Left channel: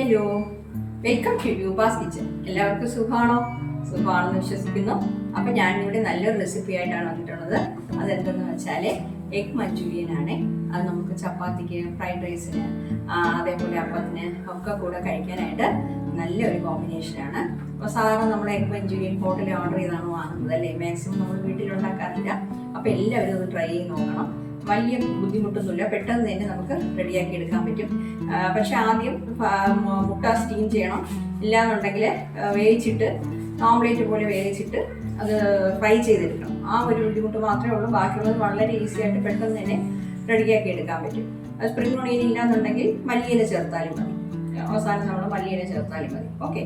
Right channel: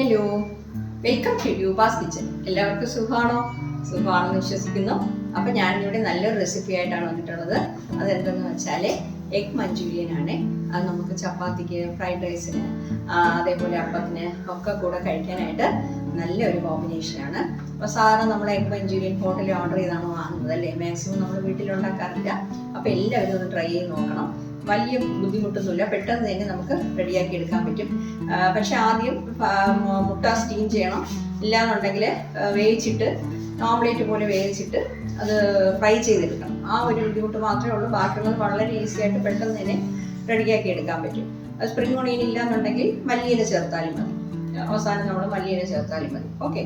Hello, welcome to യൂബാസ് kitchen. എല്ലാവർക്കും സുഖമാണെന്ന് വിശ്വസിക്കുന്നു. അപ്പം ഞാനിവിടെ നല്ലൊരു റെസിപ്പി ആയിട്ടാണ് വന്നിട്ടുള്ളത്. അതെന്തെന്ന് വെച്ചാൽ എഗ് മഞ്ചൂരിയൻ ആണ്. അത് നമുക്ക് ചപ്പാത്തിക്ക്, ഫ്രൈഡ് റൈസിന്, അതേപോലെ അപ്പത്തിന് ഒക്കെ കൂടെ കഴിക്കാനായിട്ട് നല്ലൊരു കോമ്പിനേഷനാണ്. അപ്പോൾ സാധാരണ നമ്മൾ എഗ് മഞ്ചൂരിയൻ ഹോട്ടലിൽ ഓർഡർ ചെയ്താണ് വാങ്ങുന്നത് അല്ലേ, മാക്സിമം നമ്മൾ വീട്ടിലുണ്ടാക്കാറില്ല. അപ്പോൾ എല്ലാവരും ഒന്ന് ട്രൈ ചെയ്ത് നോക്കണം. വലിയ ബുദ്ധിമുട്ടൊന്നുമില്ല, പെട്ടെന്ന് തന്നെ നമുക്ക് റെഡിയാക്കി എടുക്കാൻ പറ്റും. പക്ഷെ ആദ്യം മുട്ട സ്റ്റീം ചെയ്യണം. ഇല്ലാന്നുണ്ടെങ്കിൽ വേവിച്ചിട്ട് ഓംലേറ്റ് പോലെ വേവിച്ചിട്ട് അത് ഫ്രൈ ചെയ്തെടുക്കണം. ആ ഒരു ബുദ്ധിമുട്ട് മാത്രമേ ഉള്ളൂ. ബാക്കിയുള്ളത് വളരെ ഈസി ആയിട്ട് പെട്ടെന്ന് തന്നെ റെഡിയാക്കി എടുക്കാൻ പറ്റും. അത് സ്പ്രിംഗ് ഓണിയൻ ഇല്ലാന്നുണ്ടെങ്കിൽ മല്ലിയില ചേർത്താലും മതി. അവസാനം നമ്മൾ മല്ലിയില ചേർത്താലും മതി. ഓക്കെ.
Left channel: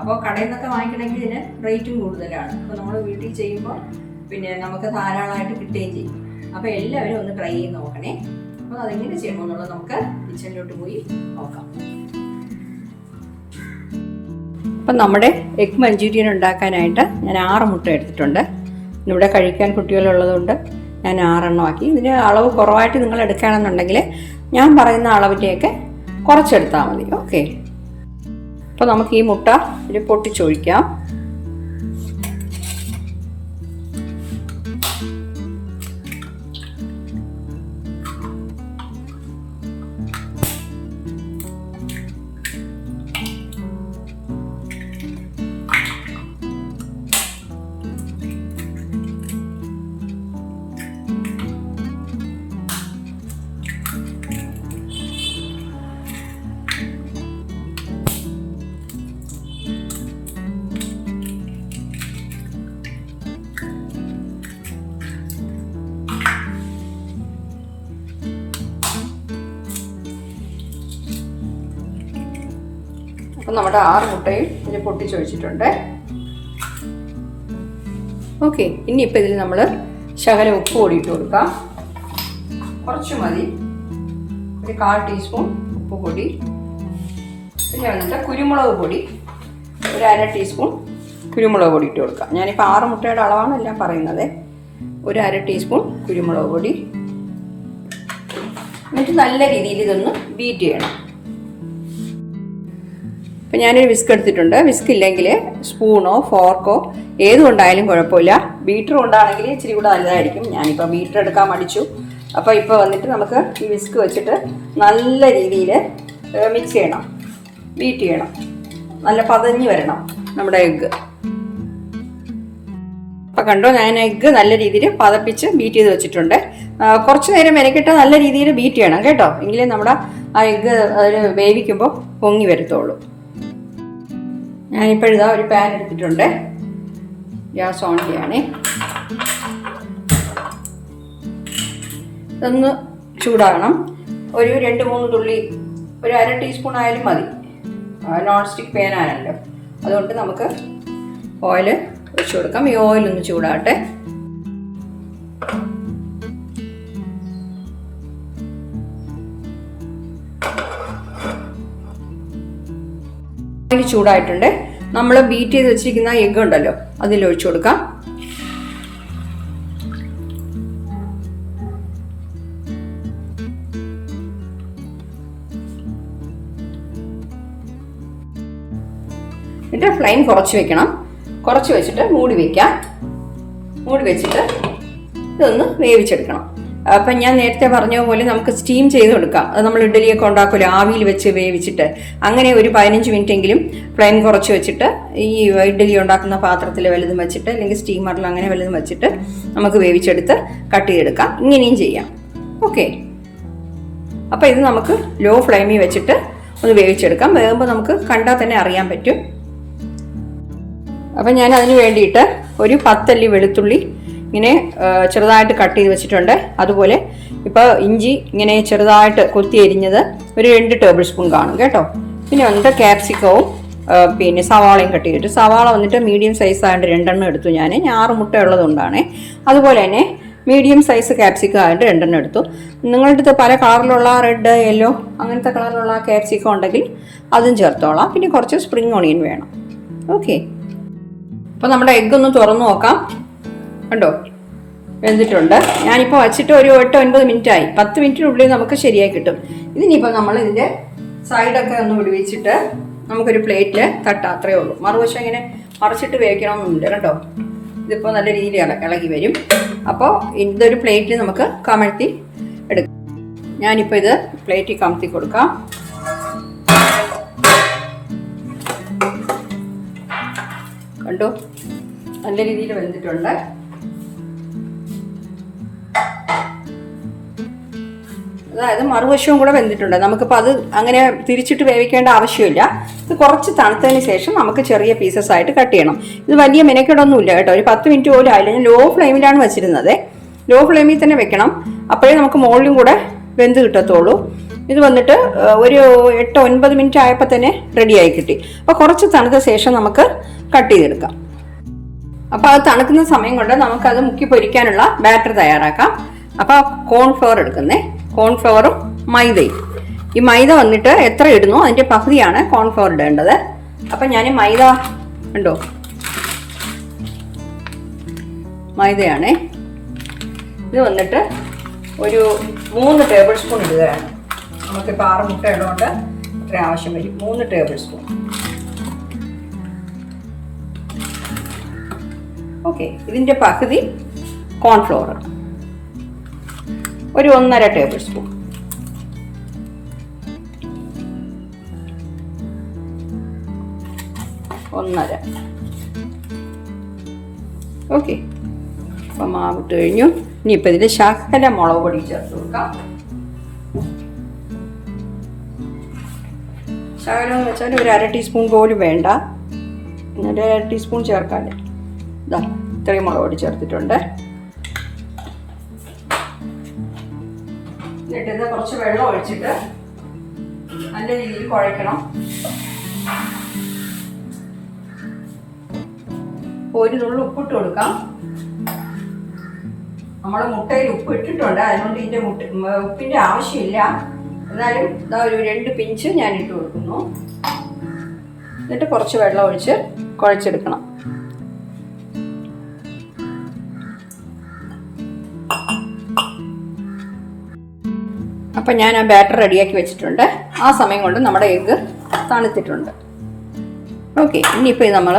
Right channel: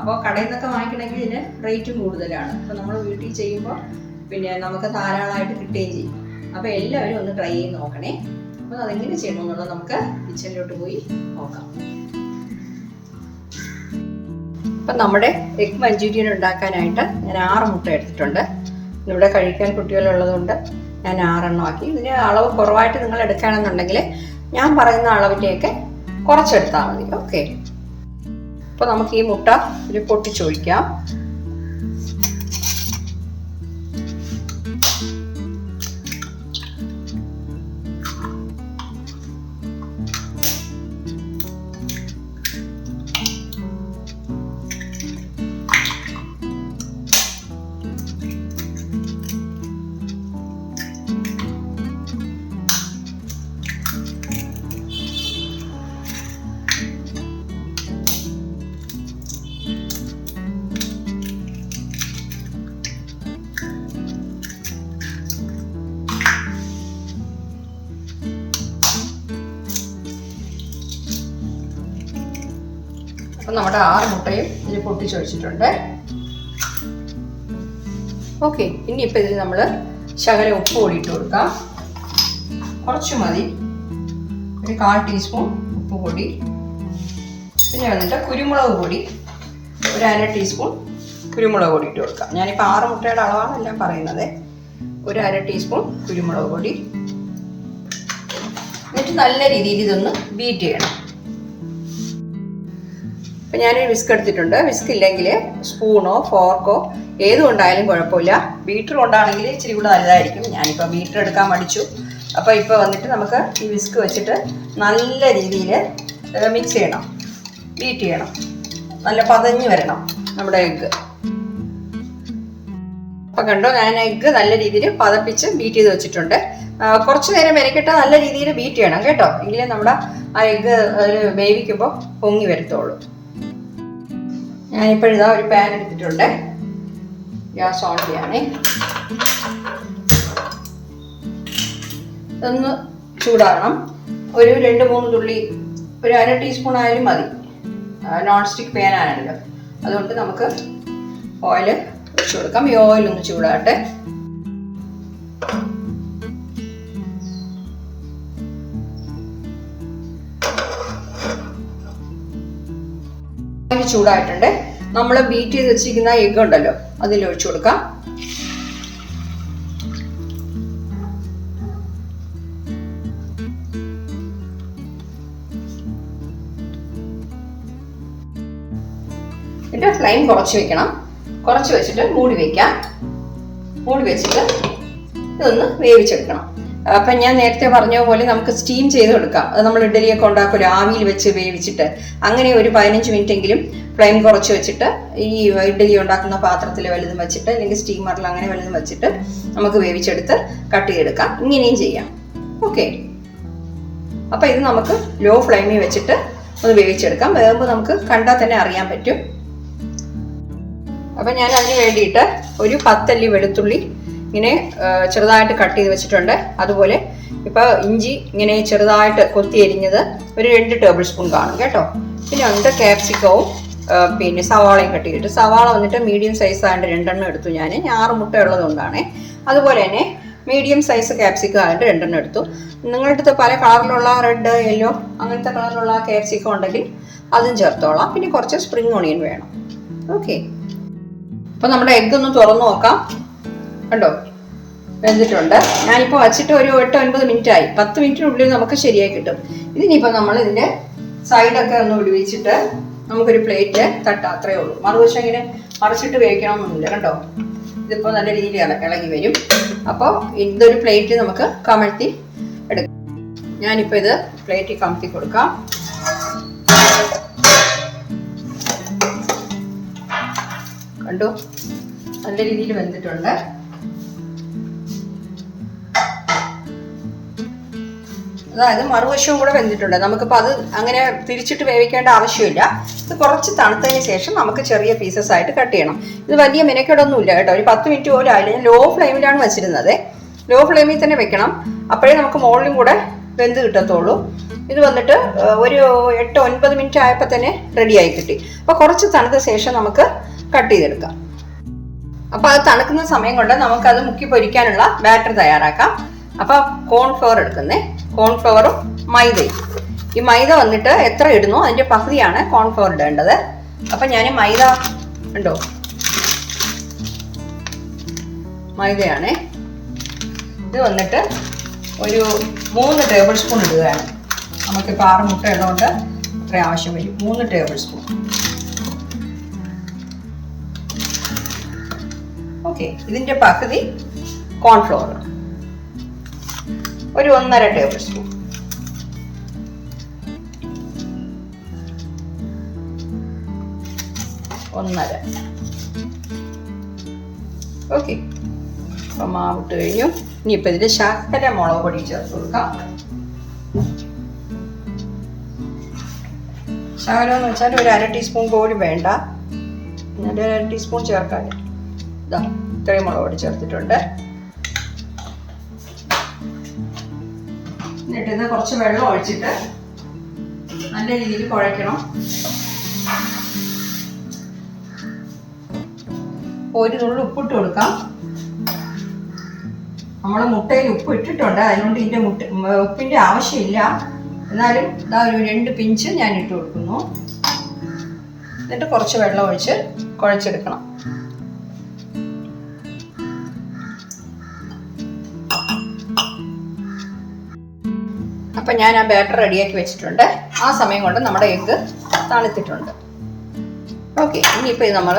അപ്പോൾ കടയിൽ നിന്നൊക്കെ വാങ്ങിക്കണമെങ്കിൽ ഇതിന് റേറ്റും കൂടുതലാണ്. അപ്പോൾ നമ്മൾ വീട്ടിൽ ചെയ്യുമ്പോൾ പിന്നെ നമുക്ക് ധാരാളമായിട്ട് കിട്ടുകയും ചെയ്യും. അപ്പോൾ എല്ലാവരും ഒന്ന് ട്രൈ ചെയ്ത് നോക്കണേ. അപ്പോൾ അതെങ്ങനെ ചെയ്യണമെന്നുള്ളത് നമുക്ക് കിച്ചണിലോട്ട് പോയി നോക്കാം. അപ്പം നമ്മുടെ എഗ് മഞ്ചൂരിയൻ ഉണ്ടാക്കാനായിട്ട് ഞാൻ 6 മുട്ട എടുത്തിട്ടുണ്ട്. ഇവിടെ കഴിക്കാൻ കുട്ടികളുള്ളതുകൊണ്ട് ഞാൻ 6 എണ്ണം ആക്കി. ഇതിന് അളവ് കുറവായിട്ട് നിങ്ങൾ എടുക്കുകയാണെന്നുണ്ടെങ്കിൽ ഞാൻ പറയുന്ന അളവിലേക്ക് കുറച്ചെടുത്താൽ മതി. ഓക്കെ. അപ്പോൾ നമുക്ക് ഈ മുട്ട ഇതിൽ പൊട്ടിച്ചൊഴിക്കാം. അപ്പം നമ്മുടെ 6 മുട്ടയും ഇതിൽ പൊട്ടിച്ചൊഴിച്ചിട്ടുണ്ട്. ഓക്കെ. ഇനിയിപ്പോൾ ഇതിൽ നമ്മൾ ശകലം ഉപ്പ് കൂടി ഇട്ട് കൊടുക്കാം. കുറച്ച് മതി. ഒരു 1/4 ടീസ്പൂൺ ഉപ്പ് പൊടി. പിന്നെ വന്നിട്ട് കുരുമുളക് പൊടി ഒരു 1/2 ടീസ്പൂൺ കുരുമുളക് പൊടി ഇട്ട് കൊടുക്കാം. ഞാനിപ്പോൾ 6 മുട്ടയുടെ അളവാണ് എല്ലാം പറയുന്നത്. ഒരു 1/2 ടീസ്പൂൺ കുരുമുളക് പൊടി. എന്നിട്ട് നല്ല രീതിയിൽ ഇതൊന്ന് ബീറ്റ് ചെയ്യണം. അപ്പം ഞാനൊരു വിസ്ക് എടുത്തിട്ടുണ്ട്. വിസ്ക് ഇല്ലെങ്കിൽ സ്പൂണോ ഫോർക്കോ ഏതുകൊണ്ടായാലും കുഴപ്പമില്ല. ബീറ്റർ കൊണ്ടാണെങ്കിൽ ഇച്ചിരി കൂടെ നല്ലതായിരിക്കും. ഞാനിപ്പോൾ ബീറ്റർ എടുക്കാൻ മടിച്ചു. അപ്പോൾ ഇപ്പോൾ വന്നിട്ട് നമുക്ക് ഈ വിസ്ക് വെച്ചിട്ട് നല്ല രീതിയിൽ മിക്സ് ചെയ്യണം, ബീറ്റ് ചെയ്യണം. നല്ല പതഞ്ഞ് വരണം നമ്മുടെ എഗ്ഗ്. അപ്പം കണ്ടോ, ഞാൻ എഗ്ഗ് നല്ല രീതിയിൽ പതപ്പിച്ച് ബീറ്റ് ചെയ്ത് വെച്ചിട്ടുണ്ട്. കുറച്ച് നേരം മെനക്കെട്ട് നല്ല രീതിയിൽ ബീറ്റ് ചെയ്യണം കേട്ടോ. എങ്കിലും നമ്മുടെ ആ എഗ്ഗ് അതിൽ വേവിക്കുമ്പോൾ പൊങ്ങി വരത്തുള്ളൂ. ഞാനിപ്പോഴിതാ ഒരു പാൻ എടുത്തിട്ടുണ്ട്. ഗ്യാസ് ഓൺ ചെയ്യണേ. ഇതൊന്ന് ചൂടാകണം. ഒരു 2-3 തുള്ളി, ഒരു 1/2 ടീസ്പൂൺ ആയാലും മതി. നോൺ സ്റ്റിക്ക് പാൻ ആണല്ലോ, അതുകൊണ്ട് നമുക്ക് ഓയിൽ ഒഴിച്ചു കൊടുക്കാം. ഈ ഓയിൽ ഒന്ന് ചൂടാകട്ടെ. ചൂടായിട്ടുണ്ട്. നമ്മൾ ബീറ്റ് ചെയ്ത് വെച്ചിരിക്കുന്ന എഗ്ഗ് ഉണ്ടല്ലോ, അതിൽ ഒഴിച്ചു കൊടുക്കാം. എന്നിട്ട് ഫ്ലെയിം കുറച്ച് വെക്കണം. കുറച്ച് വെച്ചിട്ട് മൂടി വയ്ക്കാം. മൂടി വെച്ചിട്ട് ഇതൊന്ന് വേവിച്ചെടുക്കണം. അപ്പം ഞാൻ നേരത്തെ പറഞ്ഞ പോലെ നമുക്ക് സ്റ്റീം ചെയ്ത് കൊടുക്കാം. അത് നമ്മൾ ഇഡ്ഡലിയൊക്കെ ഉണ്ടാക്കുമല്ലോ, ആവിയിൽ വെച്ച് വേവിച്ചിട്ട്. അങ്ങനെ ഒരു 15 മിനിറ്റെങ്കിലും ഫ്ലെയിം കുറച്ച് വെച്ചിട്ട് ഈ ഇഡ്ഡലി ഉണ്ടാക്കുന്ന പാത്രത്തിൽ വലുതും വെച്ചിട്ട്, അല്ലെങ്കിൽ സ്റ്റീമറിൽ അങ്ങനെ വലുതും വെച്ചിട്ട് നമുക്ക് വേവിച്ചെടുത്ത് കട്ട് ചെയ്തെടുക്കാം. ഇങ്ങനെയും ചെയ്യാം. ഓക്കെ. അപ്പം ഇത് നമുക്ക് ലോ ഫ്ലെയിമിൽ വെച്ചിട്ട് ഒന്ന് വേവിച്ചെടുക്കാം. വേകുമ്പോൾ നമുക്ക് കണ്ടാൽ തന്നെ അറിയാൻ പറ്റും. അപ്പം ഞാൻ അതിന് വേണ്ടിയിട്ട് ഒരു 10 അല്ലി വെളുത്തുള്ളി ഇങ്ങനെ ചെറുതായിട്ട് കട്ട് ചെയ്ത് വെച്ചിട്ടുണ്ട്. അതുപോലെ ഇപ്പോൾ ഇഞ്ചി ഇങ്ങനെ ചെറുതായിട്ട് കൊത്തി എരിഞ്ഞത് ഒരു 2 ടേബിൾ സ്പൂൺ കാണും കേട്ടോ. പിന്നെ വന്നിട്ട് ക്യാപ്സിക്കവും പിന്നെ സവാളയും കട്ട് ചെയ്തിട്ട്, സവാള വന്നിട്ട് മീഡിയം സൈസ് ആയിട്ട് 2 എണ്ണം എടുത്തു. ഞാൻ 6 മുട്ട ഉള്ളതുകൊണ്ടാണ്. അതുപോലെ തന്നെ മീഡിയം സൈസ് ക്യാപ്സിക്കം ആയിട്ട് 2 എണ്ണം എടുത്തു. നിങ്ങളുടെ അടുത്ത് പല കളറിലുള്ള റെഡ്, യെല്ലോ അങ്ങനത്തെ കളറിലുള്ള ക്യാപ്സിക്കം ഉണ്ടെങ്കിൽ അതും ചേർത്തോളാം. പിന്നെ കുറച്ച് സ്പ്രിംഗ് ഓണിയൻ വേണം. ഓക്കെ. അപ്പോൾ നമ്മുടെ എഗ്ഗ് ഒന്ന് തുറന്നു നോക്കാം. കണ്ടോ, വെന്തിട്ടുണ്ട്. ഞാനിപ്പോൾ വച്ചിട്ട് ഒരു 8-9 മിനിറ്റ് ആയി. 10 മിനിറ്റിനുള്ളിൽ നമുക്ക് ശരിയായി കിട്ടും. ഇതിനിപ്പോൾ നമ്മൾ ഇതിൻ്റെ സൈഡൊക്കെ ഒന്ന് വിടുവിച്ചിട്ട് നമുക്കൊരു പ്ലേറ്റിൽ തട്ടാം. അത്രയേ ഉള്ളൂ. മറുവശം ഇങ്ങനെ മറിച്ചിട്ട് വേവിക്കണമെന്നൊന്നുമില്ല കേട്ടോ. ഇതിപ്പോൾ നല്ല രീതിയിൽ ഇളകി വരും. അപ്പോൾ ഇതൊരു പ്ലേറ്റിൽ നമുക്ക് കമഴ്ത്തി എടുക്കാം. ഞാനിപ്പോൾ ഇത് പ്ലേറ്റിൽ കമഴ്ത്തി കൊടുക്കാം. കണ്ടു, നല്ല രീതിയിൽ വെന്തിട്ടുണ്ട്. അതായത് മറുവശവും കൂടെ വെന്തിട്ടുണ്ട്. നമുക്കിപ്പോൾ അത് അങ്ങനെ തിരിച്ചിട്ട് വേവിക്കേണ്ട ആവശ്യമില്ല. ഇത് കുറച്ച് തണുത്തതിന് ശേഷം നമുക്ക് ചെറിയ പീസസ് ആയിട്ട് കട്ട് ചെയ്യണം. ഇത് വലിയ മെനക്കെടൊന്നുമില്ല കേട്ടോ. ഒരു 10 മിനിറ്റ് പോലും ആയില്ല. ഞാൻ ലോ ഫ്ലെയിമിലാണ് വെച്ചിരുന്നത്. ലോ ഫ്ലെയിമിൽ തന്നെ വെക്കണം. അപ്പോഴേ നമുക്ക് മുകളിലും കൂടെ വെന്ത് കിട്ടത്തുള്ളൂ. ഇത് വന്നിട്ട് ഒരു 8-9 മിനിറ്റ് ആയപ്പോൾ തന്നെ റെഡിയായി കിട്ടി. അപ്പോൾ കുറച്ച് തണുത്ത ശേഷം നമുക്ക് കട്ട് ചെയ്തെടുക്കാം. അപ്പോൾ അത് തണുക്കുന്ന സമയം കൊണ്ട് നമുക്കത് മുക്കി പൊരിക്കാനുള്ള ബാറ്റർ തയ്യാറാക്കാം. അപ്പോൾ കോൺഫ്ലവർ എടുക്കുന്നേ. കോൺഫ്ലവറും മൈദയും. ഈ മൈദ വന്നിട്ട് എത്ര ഇടുന്നു അതിൻ്റെ പകുതിയാണ് കോൺഫ്ലവർ ഇടേണ്ടത്. അപ്പം ഞാൻ മൈദ ഉണ്ടോ, മൈദയാണേ. ഇത് വന്നിട്ട് ഒരു 3 ടേബിൾ സ്പൂൺ ഇടുകയാണ്. നമുക്കിപ്പോൾ 6 മുട്ട ഇടുന്നതുകൊണ്ട് അത്ര ആവശ്യം വരും. 3 ടേബിൾ സ്പൂൺ. ഓക്കെ, ഇതിൻ്റെ പകുതി കോൺഫ്ലവർ ഒരു 1.5 ടേബിൾ സ്പൂൺ. ഓക്കെ, അപ്പം മാവിട്ട് കഴിഞ്ഞു. ഇനിയിപ്പോൾ ഇതിൽ ശകല മുളക് പൊടി ചേർത്ത് കൊടുക്കാം. ശകലം എന്ന് വെച്ചാൽ ഒരു 1/2 ടീസ്പൂൺ പോലും വേണ്ട. എന്നിട്ട് 1/2 ടീസ്പൂൺ ചേർക്കാൻ ഇതാ ഇത്രയും മുളക് പൊടി ചേർത്തിട്ടുണ്ട്. എന്നിട്ട് ഇത് കുറച്ച് വെള്ളം ഒഴിച്ചിട്ട് നല്ല രീതിയിൽ കുഴയ്ക്കണം. ഒരു നുള്ളി ഉപ്പിട്ട് കൊടുക്കാം. നമ്മൾ മുട്ടയിൽ ഉപ്പ് ഇട്ടിട്ടുണ്ട്, അതുകൊണ്ട് ഇതിൻ്റെ ഉപ്പിൻ്റെ ആവശ്യമില്ല. എന്നാലും ഇതാ ഒരു 2 പിഞ്ച് ഞാൻ ഇട്ട് കൊടുക്കുന്നു. എന്നിട്ട് കുറച്ച് വെള്ളം ഒഴിച്ച് കുഴച്ചെടുക്കണം. അപ്പം ഞാൻ ആ ബാറ്റർ റെഡിയാക്കി വെച്ചിട്ടുണ്ട്. ആ സമയം കൊണ്ട് നമ്മുടെ എഗ്ഗ് തണുത്തിട്ടുണ്ട്. ഓക്കെ, ഇനിയിപ്പോൾ ഇത് നമ്മൾ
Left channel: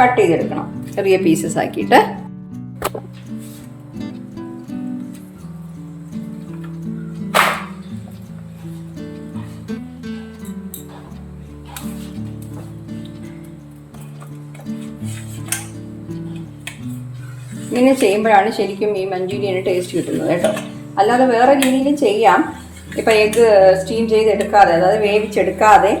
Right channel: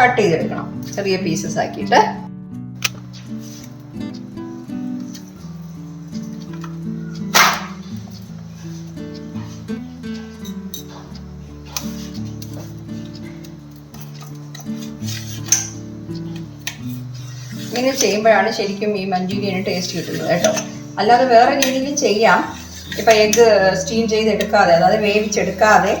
കട്ട് ചെയ്തെടുക്കണം ചെറിയ പീസസ് ആക്കിയിട്ട്. ഇങ്ങനെ ചെയ്യുമ്പോഴാണ് ശരിക്കും ഈ മഞ്ചൂരിയന് ടേസ്റ്റ് കിട്ടുന്നത് കേട്ടോ. അല്ലാതെ വേറെ രീതിയിലും ചെയ്യാം. ഇപ്പം എഗ്ഗ് സ്റ്റീം ചെയ്തെടുക്കാതെ, അതായത് വേവിച്ചെടുക്കാതെ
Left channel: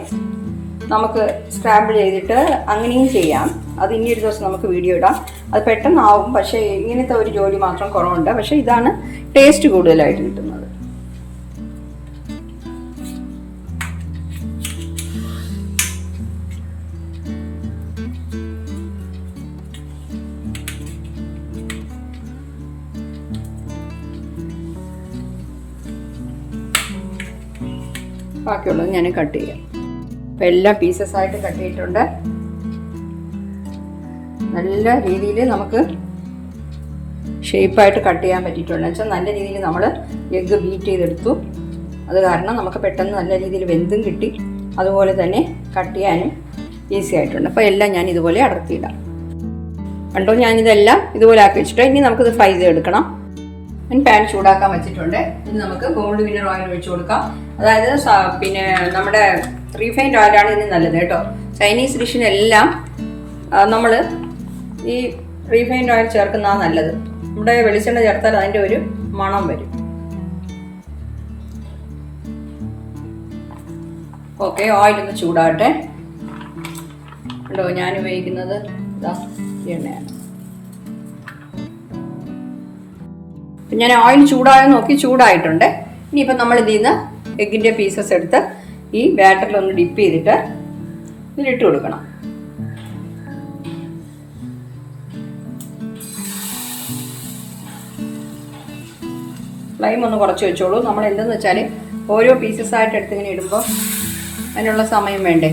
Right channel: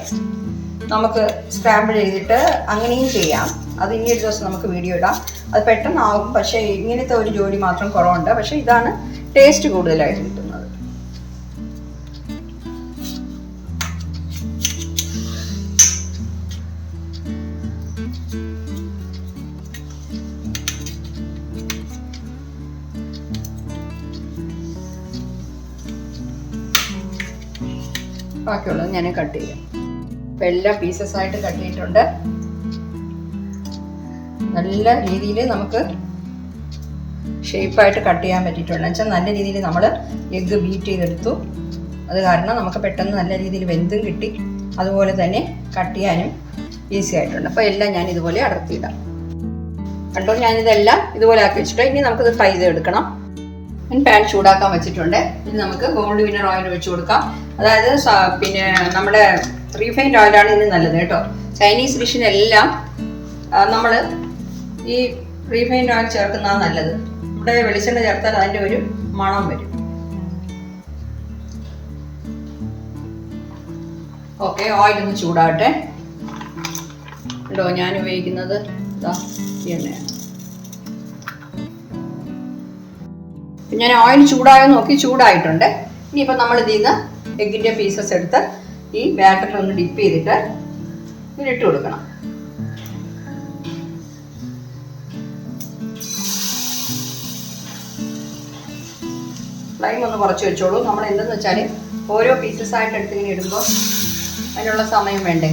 നമുക്ക് സ്ക്രാബിൾ ചെയ്തിട്ട് അങ്ങനെയും ചെയ്യാം. അത് ഇനി ഒരു ദിവസം നമുക്ക് വീഡിയോ ഇടാം. അത് പെട്ടെന്നാവും. പക്ഷേ ഇങ്ങനത്തെ ഒരു ജോലി മാത്രം കുറവുണ്ട്. പക്ഷേ ഇതാണ് ടേസ്റ്റ് കൂടുതലായിട്ട് കിട്ടുന്നത്. ബാക്കിയുള്ളത് ഞാൻ കട്ട് ചെയ്യാം. അപ്പം എല്ലാ പീസസ് ആയിട്ട് കട്ട് ചെയ്തിട്ടുണ്ട്. നല്ല രീതിയിൽ നമുക്ക് ഷേപ്പായിട്ട് കട്ട് ചെയ്യാൻ പറ്റിയിട്ടുണ്ട്. വെച്ചാൽ നല്ല രീതിയിൽ നമ്മൾ എഗ്ഗ് ബീറ്റ് ചെയ്തെടുത്തു. അത് കാരണം നമുക്ക് പെട്ടെന്ന് നല്ല രീതിയിൽ വെന്തും കിട്ടി. അതുപോലെ തന്നെ കട്ട് ചെയ്യാനും ഈസി ആയിട്ടുണ്ട്. അപ്പോൾ എല്ലാം ഞാൻ ഇതുപോലെ അടർത്തിയിടാം. കണ്ടോ, ഞാനിതെല്ലാം ഇതുപോലെ ആക്കി വെച്ചിട്ട് ഇനി നമുക്കിത് ഫ്രൈ ചെയ്തെടുക്കണം. ഞാൻ പാൻ ചൂടാക്കാൻ വെച്ചിട്ടുണ്ട്. ഇനി നമുക്ക് ഗോൾഡ് വിന്നർ ഓയിൽ ഒഴിച്ചു കൊടുക്കാം. അതായത് പിന്നെ നമ്മുടെ റീഫൈൻഡ് ഓയിലാണ് ഇതിന് നല്ലത് കേട്ടോ. ചൈനീസ് ഡിഷിനെല്ലാം നമ്മൾ ഈ റീഫൈൻഡ് ഓയിൽ ചേർക്കുന്നതാണ് നല്ലത്. ഇവിടെ വെളിച്ചെണ്ണ ചേർത്താൽ അതിൻ്റെ ഒരു മണം വരും. ഓക്കെ, ഓയിലൊന്ന് ചൂടാകട്ടെ. കേട്ടോ, ഞാൻ ഉപയോഗിക്കുന്നത് ഇതാ ഈ എണ്ണയാണ്. ഞാൻ ഓയിൽ ചൂടായോ നോക്കി, ചൂടായിട്ടുണ്ട്. ഇനിയിപ്പോൾ നമ്മൾ ഇതിൽ നിന്ന് എഗ്ഗിൻ്റെ പീസസ് എടുത്ത് ഈ ബാറ്ററിലൊന്ന് ഡിപ്പ് ചെയ്തിട്ട് ഇതിലിട്ട് കൊടുക്കണം. ഫ്ലെയിം ഒന്ന് കുറച്ച് വെച്ചോളൂ. നമ്മൾ എന്തെന്ന് വെച്ചാൽ ഓരോ പീസസ് ആയിട്ട് എടുത്ത് ഇങ്ങനെ ഇടുമ്പോൾ അതിനുള്ള സമയം വേണ്ടേ.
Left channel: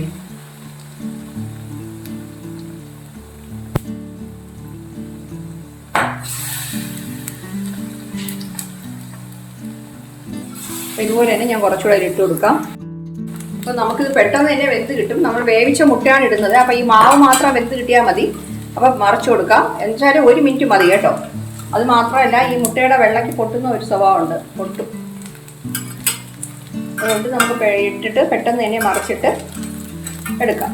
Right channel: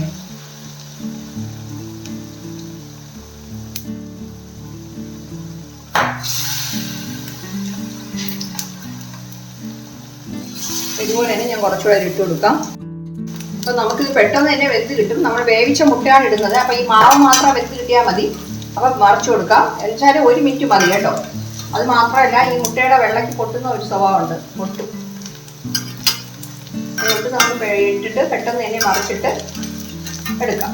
ഇതുപോലെ തന്നെ ഞാൻ കുറച്ചുകൂടെ ഇട്ട് കൊടുക്കാം. അപ്പോൾ നമുക്കിത് പെട്ടെന്ന് തന്നെ വെന്ത് കിട്ടും. നമ്മൾ വേവിച്ച മുട്ടയാണ് ഇടുന്നത്. അപ്പോൾ ഈ മാവ് മാത്രം വെന്ത് കിട്ടിയാൽ മതി. അപ്പോൾ മറിച്ച് കൊടുക്കാം. എന്നുവെച്ചാൽ 1 മിനിറ്റ് മതി കേട്ടോ. അത് മാത്രമല്ല, ഈ മുട്ടയുടെ വെള്ളയ്ക്ക് പൊട്ടുന്ന ഒരു സ്വഭാവമുണ്ട്, പൊട്ടും. അതുകൊണ്ട് നമുക്ക് ഇട്ടിട്ട് പെട്ടെന്ന് തന്നെ മറിച്ചിട്ട് എടുക്കാം.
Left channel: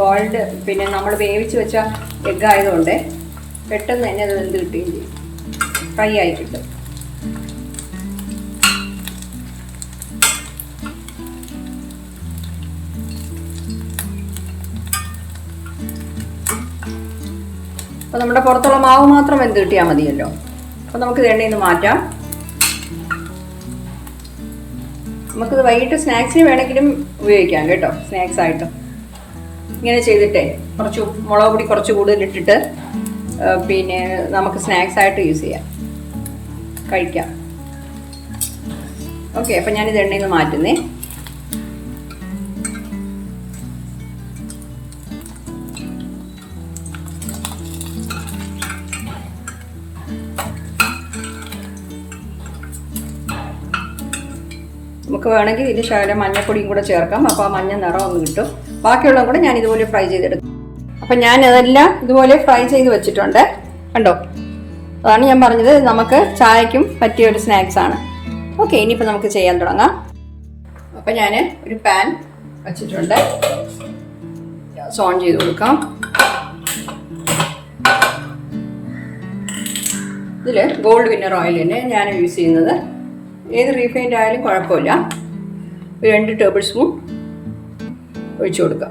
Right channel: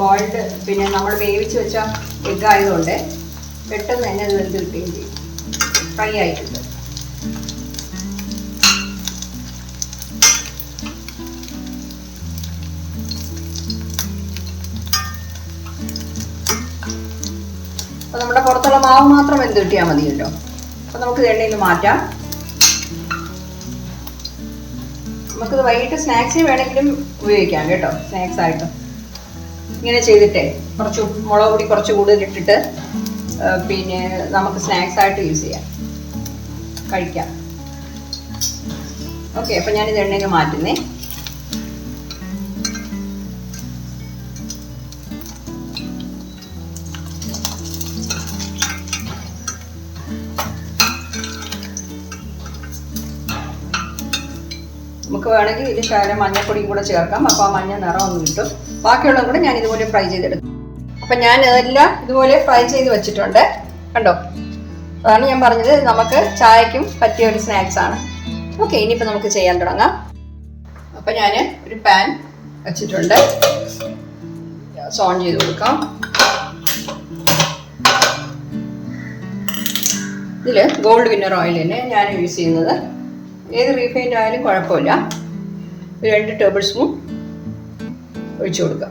ബോയിൽഡ് പിന്നെ നമ്മൾ വേവിച്ച് വെച്ച എഗ്ഗ് ആയതുകൊണ്ട് പെട്ടെന്ന് തന്നെ അത് വെന്ത് കിട്ടുകയും ചെയ്യും. ഫ്രൈ ആയി കിട്ടും. അപ്പോൾ നമ്മുടെ പുറത്തുള്ള മാവ് മാത്രം വെന്ത് കിട്ടിയാൽ മതിയല്ലോ. അപ്പോൾ നമുക്കിത് എണ്ണയിൽ നിന്ന് മാറ്റാം. നമുക്കിത് വൈകിട്ട് സ്നാക്സിന് വേണമെങ്കിലും ഉപയോഗിക്കാം കേട്ടോ. സ്നാക്സ് ആയിട്ട് ഇങ്ങനെ ചെയ്തിട്ടേ കുറച്ച് മുളക് പൊടി കുറച്ച് കൂടുതലിട്ടിട്ട് പിന്നെ നമുക്ക് സ്നാക്സ് ആയിട്ട് യൂസ് ചെയ്യാം, കഴിക്കാം. ഓക്കെ, അപ്പം ഞാനിത് എണ്ണയിൽ നിന്ന് മാറ്റുന്നേ. നമുക്ക് വേണമെങ്കിൽ ഇതിൽ ശകലം മഞ്ഞൾപ്പൊടിയും കൂടെ ചേർക്കാം. അപ്പോൾ ആ മഞ്ഞ നിറം ഒന്ന് കിട്ടും. ബാക്കിയുള്ളത് കൂടെ ഞാൻ ഇതുപോലെ ഫ്രൈ ചെയ്തെടുക്കും. അപ്പം ഞാൻ ഇതെല്ലാം ഇതുപോലെ ഫ്രൈ ചെയ്ത് വെച്ചിട്ടുണ്ട്, കണ്ടോ. അതാണ് ഞാൻ പറഞ്ഞത്, നമുക്ക് ചായക്കും പറ്റിയ ഒരു സ്നാക്സാണ്. ഓക്കെ, ഇനിയിപ്പോൾ നമുക്ക് ചെയ്യാൻ തുടങ്ങാം. അപ്പം ഞാൻ ഒരു പാൻ വെച്ചിട്ടുണ്ട്. ഗ്യാസ് ഓൺ ചെയ്ത് കൊടുക്കാം. ഇതിൽ ഗോൾഡ് വിന്നർ ഓയിൽ തന്നെ ഞാൻ യൂസ് ചെയ്യുന്നത്. ഏത് റീഫൈൻഡ് ആയാലും കുഴപ്പമില്ല. ഒരു 2 ടേബിൾ സ്പൂൺ ഒഴിച്ചു കൊടുക്കുക.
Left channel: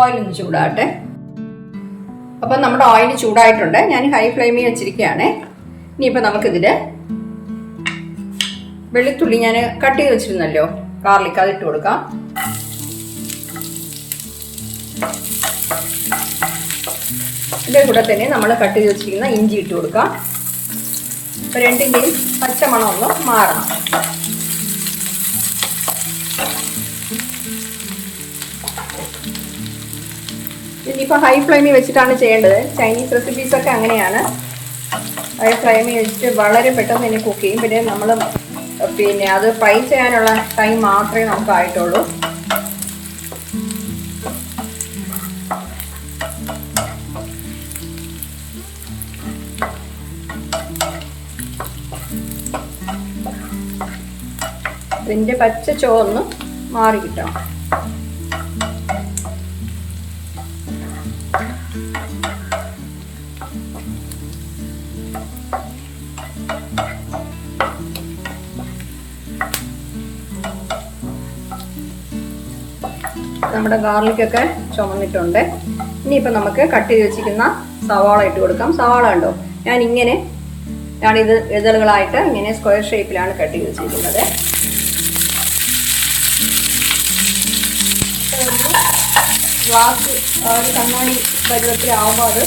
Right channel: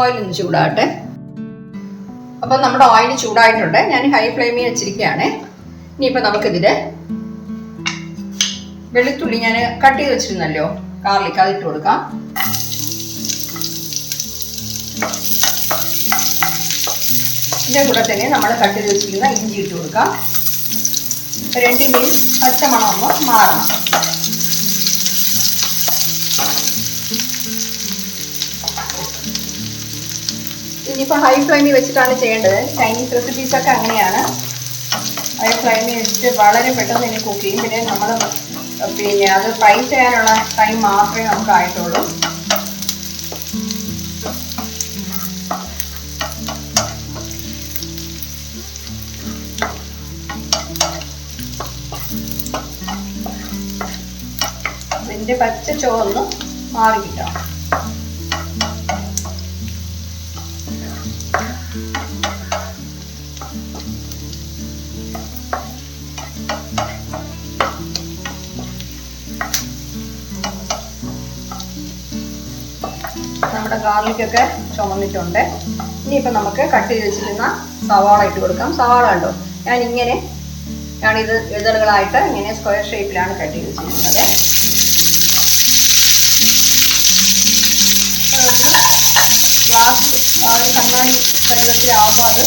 ഓയിലൊന്ന് ചൂടാകട്ടെ. അപ്പം നമ്മുടെ ഓയിൽ ചൂടായിട്ടുണ്ട്. ഞാൻ ഹൈ ഫ്ലെയിമിൽ വെച്ചിരിക്കുകയാണ്. ഇനിയിപ്പോൾ നമുക്കിതിൽ വെളുത്തുള്ളി ഞാൻ കട്ട് ചെയ്ത് വെച്ചിരുന്നല്ലോ, ഗാർലിക്, അതിട്ട് കൊടുക്കാം. ഇതിൻ്റെ കൂടെ തന്നെ നമ്മൾ കട്ട് ചെയ്ത് വെച്ചിരിക്കുന്ന ഇഞ്ചി ഇട്ട് കൊടുക്കാം. രണ്ടിൻ്റെയും പച്ചമണം ഒന്ന് മാറണം. ഇനിയിപ്പോൾ ഹൈ ഫ്ലെയിമിൽ വെച്ചിട്ടാണ് ചെയ്യേണ്ടത്. ചൈനീസ് റെസിപ്പീസൊക്കെ അങ്ങനെയാണ്. ഹൈ ഫ്ലെയിമിൽ വെച്ചിട്ട് വളരെ പെട്ടെന്ന് തന്നെ കുക്ക് ചെയ്യും. പിന്നെ നമ്മൾ അത് ഫ്രൈ ചെയ്യാനുള്ള ടൈം മാത്രമേ നമുക്ക് ആയിട്ടുള്ളൂ. ഇതിൻ്റെ പച്ച ചുവന്ന് മാറി കിട്ടണം. നമ്മുടെ ഗാർലിക്കൊക്കെ ചുമന്നിട്ടുണ്ട്. ഇനിയിപ്പോൾ നമുക്ക് കട്ട് ചെയ്ത് വെച്ചിരിക്കുന്ന സവാള ഇട്ട് കൊടുക്കാം. സവാള ഉണ്ടോ, ഞാനിത് ഇതളുകളായിട്ട് ഇങ്ങനെ സ്ക്വയർ ഷേപ്പിലാണ് കട്ട് ചെയ്ത് വെച്ചിരിക്കുന്നത്. ഗ്ലാസ് ഒരു കണ്ണാടി പരുവത്തിലാവുമ്പോൾ അത്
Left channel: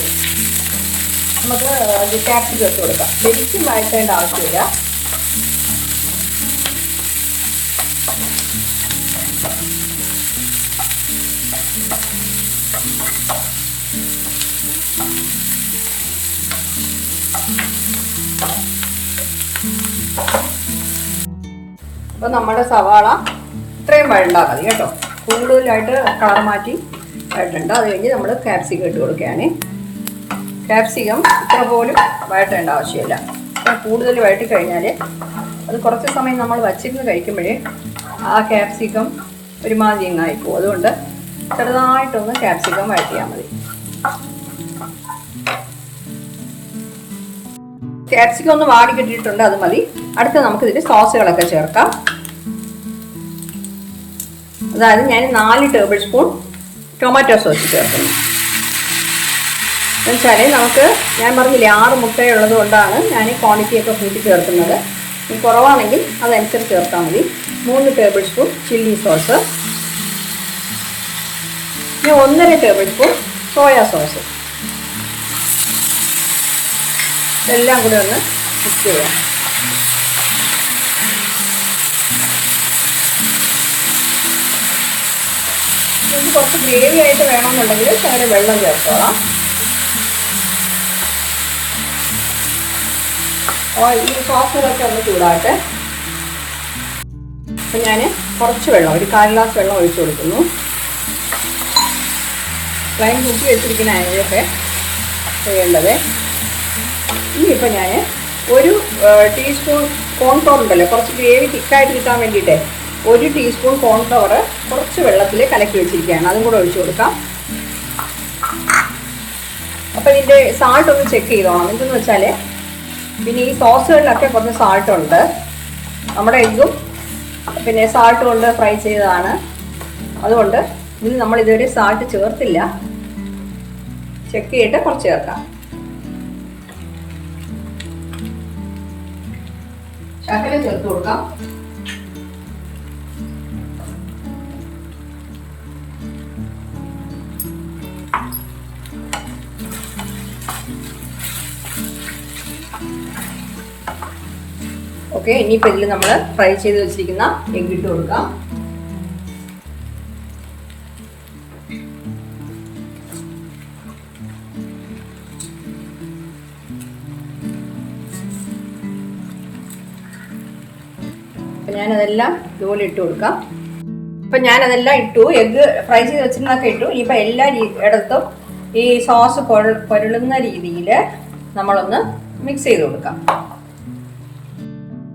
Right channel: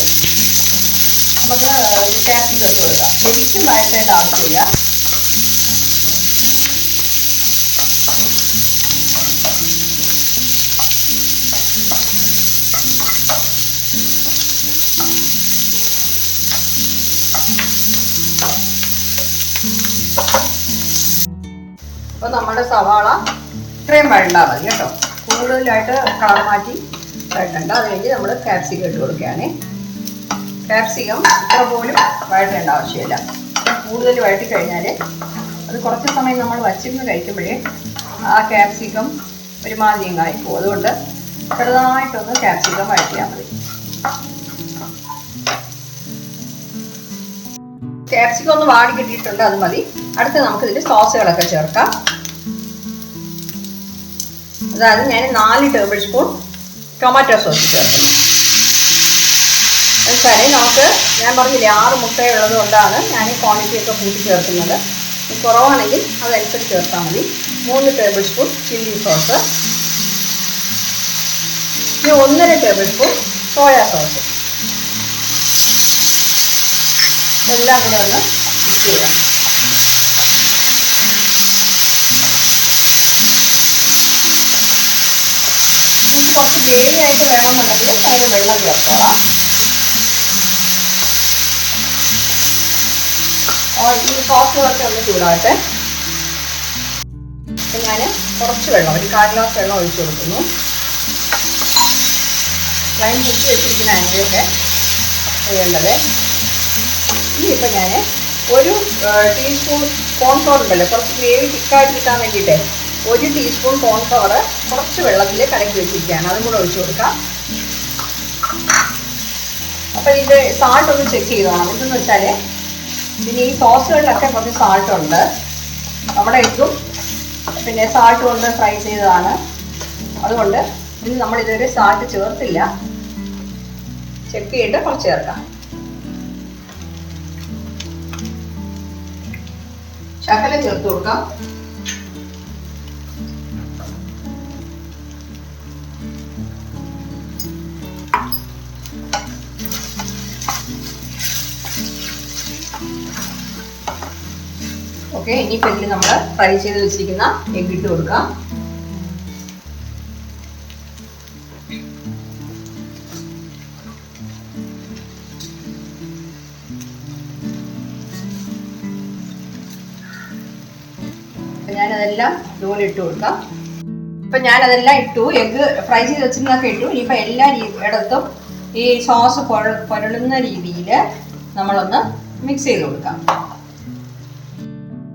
നമുക്ക് ക്യാപ്സിക്കം ഇട്ട് കൊടുക്കാം. ശരിക്കും വഴറ്റേണ്ട ആവശ്യമില്ല. അപ്പോൾ നമ്മുടെ സവാള ഇത്രയും വഴണ്ടാൽ മതി കേട്ടോ. കൂടുതലായിട്ട് കളർ മാറ്റി വഴറ്റണ്ട. അത് കഴിഞ്ഞ് നമ്മൾ ക്യാപ്സിക്കം ഇട്ട് കൊടുക്കുകയാണ്. ക്യാപ്സിക്കം ഇത്ര പോലും വഴറ്റേണ്ട ആവശ്യമില്ല. കൂടുതൽ വഴറ്റി കഴിഞ്ഞാൽ അത് കുറച്ച് സമയം നമ്മൾ വച്ചിരുന്ന് കഴിക്കുമ്പോഴേ ആ ക്യാപ്സിക്കം ഒരുമാതിരി ആയിപ്പോകും. അതുകൊണ്ട് ചെറുതായിട്ടൊന്ന് ക്യാപ്സിക്കം വഴറ്റിയാൽ മതി. ക്യാപ്സിക്കം ഒന്ന് വാടി കിട്ടിയിട്ടുണ്ട്, അത് മതി. അടുത്ത നമുക്കിതിൽ സോസുകളൊക്കെ ചേർക്കാം. അതായത് ഞാൻ 4 ടേബിൾ സ്പൂൺ ടൊമാറ്റോ സോസ് ചേർക്കുന്നു. എന്നുവെച്ചാൽ നമുക്ക്, ഞാൻ പറഞ്ഞില്ലേ 6 മുട്ടയുള്ളത് കൊണ്ടാണ് ഞാൻ ക്വാണ്ടിറ്റിയൊക്കെ കൂട്ടി ചേർക്കുന്നത്. കുറവാണെങ്കിൽ അതനുസരിച്ച് ചേർത്താൽ മതി. 3 ടേബിൾ സ്പൂൺ ചില്ലി സോസ്, പിന്നെ 1.5 ടേബിൾ സ്പൂൺ സോയാ സോസ്. ഇതെല്ലാം കൂടെ ഒന്ന് മിക്സ് ചെയ്യാം. കുറച്ച് ഗ്രേവി ആയിട്ട് വേണമെന്നുണ്ടെങ്കിൽ അതിന് വെള്ളം ചേർത്തോളാം. ഈ സോസുകളൊക്കെ ഒന്ന് ചൂടാകട്ടെ. അപ്പം ഞാൻ കുറച്ച് വെള്ളം, ഒരു 1/4 ഗ്ലാസ് വെള്ളം ഒഴിച്ചു കൊടുക്കുന്നു. ഞാൻ മുക്കി വെച്ചിരിക്കുന്ന അതിലൊക്കെ ചെയ്യേണ്ടത്. ഇനിയിപ്പോൾ ഞാൻ ഒരു ടീസ്പൂൺ കോൺഫ്ലവർ ഉണ്ടല്ലോ, കുറച്ച് ഗ്രേവി തിക്കായിട്ട് കിട്ടാൻ വേണ്ടിയിട്ട് 1 ടീസ്പൂൺ കോൺഫ്ലവർ കുറച്ച് വെള്ളത്തിൽ കലക്കി വെച്ചിരിക്കുകയാണ്. അതും കൂടെ ഒഴിച്ചു കൊടുക്കാം. അപ്പോൾ ഇതിൻ്റെ സാൾട്ട് ഒന്ന് ചെക്ക് ചെയ്തോണം. എന്തെന്ന് വെച്ചാൽ പിന്നെ ഈ സോസുകളിലൊക്കെ കുറച്ച് സാൾട്ടുണ്ട്. നമ്മുടെ എഗ്ഗും പിന്നെ സാൾട്ട് കൊണ്ട് ഫ്രൈ ചെയ്തതാണ്. അതുകൊണ്ട് ഇനി നമ്മൾ ഇതുവരെ സാൾട്ട് ചേർത്തില്ല. ചെക്ക് ചെയ്തിട്ട് കുറച്ച് ചേർക്കാം. ശകലം ചേർത്ത് കൊടുക്കാം. ഓക്കെ, ഇനിയിപ്പോൾ ഇതിൽ നമ്മൾ ഫ്രൈ ചെയ്ത് വെച്ചിരിക്കുന്ന എഗ് ഇട്ട് കൊടുക്കാം. ഞാനതെല്ലാം ഇതുപോലെ ഇട്ട് കൊടുക്കാം. ഇപ്പം ഞാനതെല്ലാം ഇട്ടു. എഗ്ഗ് ഫ്രൈ ചെയ്ത് വെച്ചിരുന്നൊക്കെ ഇട്ടു. ഇനിയിപ്പോൾ എല്ലാ ഇടത്തും ഈ സോസ് പുരളുന്ന രീതിയിൽ നമ്മളൊന്ന് മിക്സ് ചെയ്ത് കൊടുക്കാം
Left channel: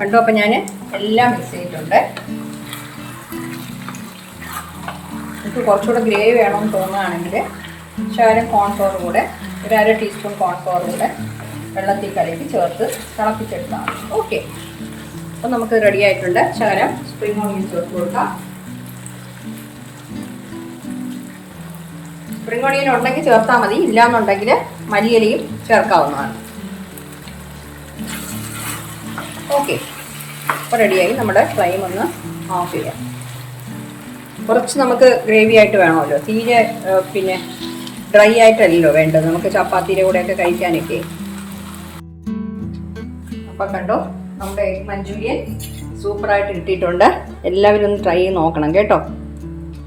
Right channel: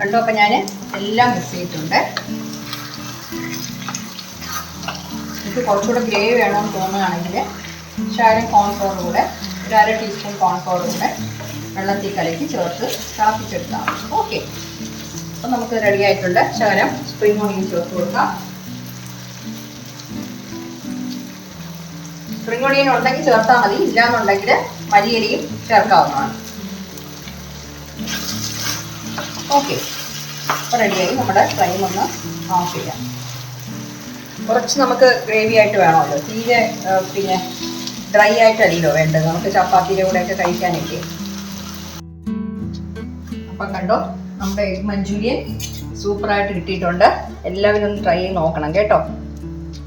കേട്ടോ. അപ്പം ഞാൻ എല്ലാം മിക്സ് ചെയ്തിട്ടുണ്ട്. എനിക്ക് കുറച്ചുകൂടെ ഗ്രേവി വേണമെന്ന് തോന്നുകയാണെങ്കിൽ ശകലം കോൺഫ്ലവർ കൂടെ, ഒരു 1/2 ടീസ്പൂൺ കോൺഫ്ലവർ കൂടെ വെള്ളത്തിൽ കലക്കി ചേർത്ത് തിളപ്പിച്ചെടുക്കാം. ഓക്കെ, അപ്പം നമുക്ക് റെഡി ആയിട്ടുണ്ട്. ശകലം സ്പ്രിംഗ് ഓണിയൻ ചേർത്ത് കൊടുക്കാം. സ്പ്രിംഗ് ഓണിയൻ ഉണ്ടെങ്കിൽ ചേർത്താൽ മതി, ഇല്ലാന്നുണ്ടെങ്കിൽ മല്ലിയിലയും ചേർക്കാവുന്നതാണ്. ഓക്കെ, അപ്പോൾ റെഡിയായി. നമ്മുടെ ഫ്ലെയിം ഒന്ന് ഓഫ് ചെയ്യാം. കുറച്ച് നമുക്ക് ഗ്രേവി ആയിട്ട് വേണമല്ലോ, തീരെ പിന്നെ ഡ്രൈ ആയിട്ടല്ലല്ലോ വേണ്ടത്, നമുക്ക് ചപ്പാത്തിയുടെ കൂടെയൊക്കെ കഴിക്കാനൊക്കെ. അപ്പം കണ്ടോ, നമ്മുടെ എഗ് മഞ്ചൂരിയൻ സൂപ്പറായിട്ട് കിട്ടിയിട്ടുണ്ട്. എല്ലാവരും ഒന്ന് ട്രൈ ചെയ്ത് നോക്കണം കേട്ടോ.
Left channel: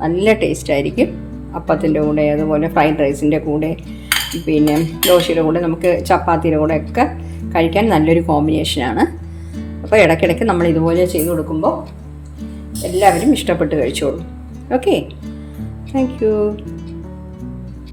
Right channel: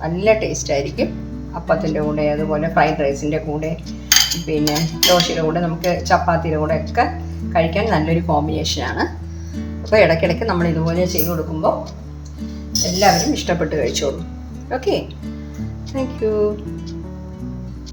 നല്ല ടേസ്റ്റ് ആയിരിക്കും. അപ്പത്തിൻ്റെ കൂടെ, അതുപോലെ ഫ്രൈഡ് റൈസിൻ്റെ കൂടെ, പിന്നെ ദോശയുടെ കൂടെ, നമുക്ക് ചപ്പാത്തിയുടെ കൂടെ ഒക്കെ കഴിക്കാൻ നല്ലൊരു കോമ്പിനേഷനാണ്. അപ്പോൾ ഇടയ്ക്കിടയ്ക്ക് നമ്മൾ ഇതുപോലെ ചെയ്ത് കൊടുക്കുമ്പോൾ എല്ലാവരും ഇഷ്ടപ്പെട്ട് കഴിച്ചോളും. Okay, thank you.